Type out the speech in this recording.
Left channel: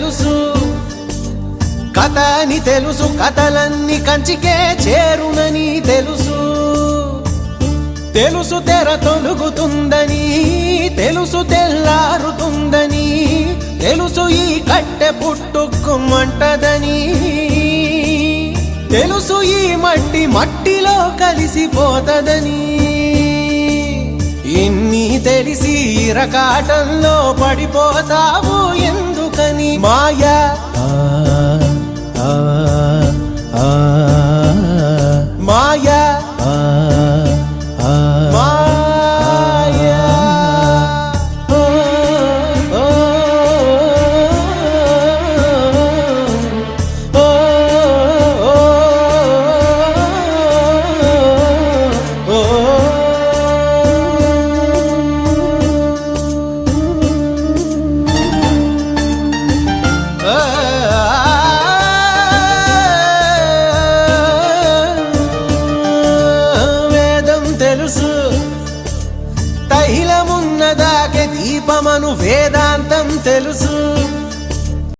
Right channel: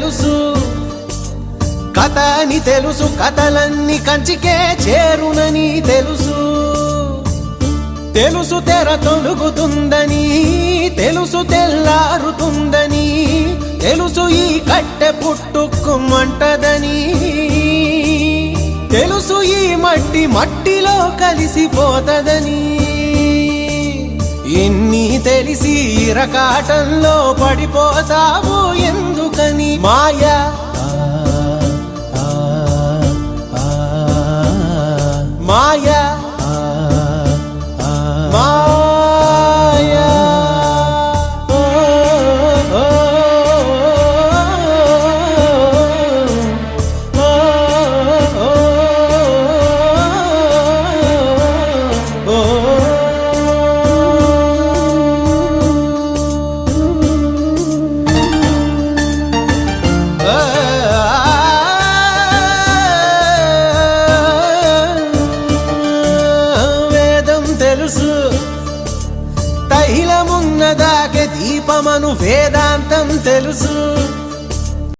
తెలుసు, కథ అని తెలుసు, కథలన్నీ కంచికే చేరునని తెలుసు. తెలుసు తెర తొలుగుతుందని, తెలుసు తెల్లారుతుందని, తెలుసు ఈ కట్టె పుట్టుకుమంటదని, తెలుసు ఈ మట్టి మట్టిలో కలిసిపోతదని. ఇన్ని తెలిసి ఇరకాటంలో పడిపోతావు ఎందుకని? మాయా మాయా దీపమను వేదాంతం తెలుసు.